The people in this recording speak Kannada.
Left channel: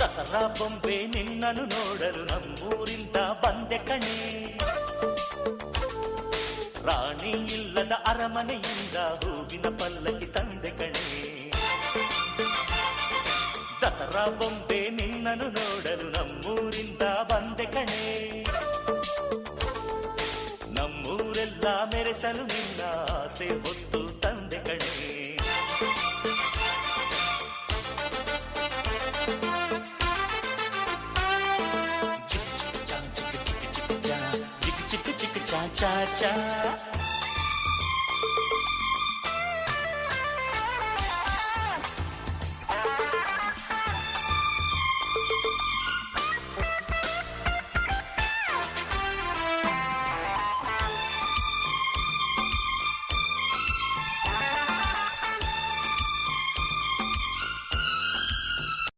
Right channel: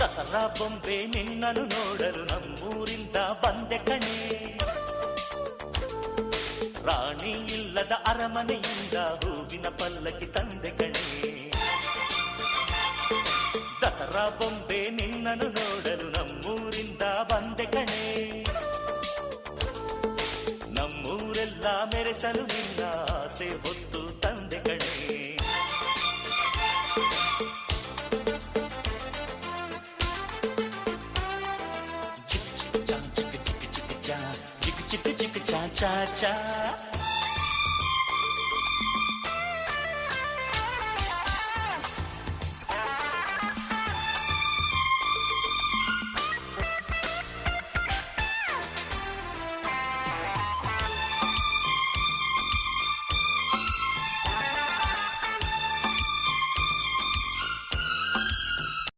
ದಸರಾ ಬೊಂಬೆ ನಿನ್ನನ್ನು ನೋಡಲು ನಮ್ಮೂರಿಂದ ಬಂದೆ ಕಣೆ. ರಾಣಿ ಇಲ್ಲದ ಅರಮನೆಯಿಂದ ಹೂವಿನ ಪಲ್ಲಕ್ಕಿ ತಂದೆ ಕಣೆ. ದಸರಾ ಬೊಂಬೆ ನಿನ್ನನ್ನು ನೋಡಲು ನಮ್ಮೂರಿಂದ ಬಂದೆ ಕಣೆ. ನಮ್ಮೂರೆಲ್ಲ ಮೆರೆಸಲು ನಿನ್ನ ಆಸೆ ಹೊತ್ತು ತಂದೆ ಕಣೆ. ಚಿಕ್ಕ ಚಿಕ್ಕ ಚಾ ಚಾ ಚಾ ಚಾ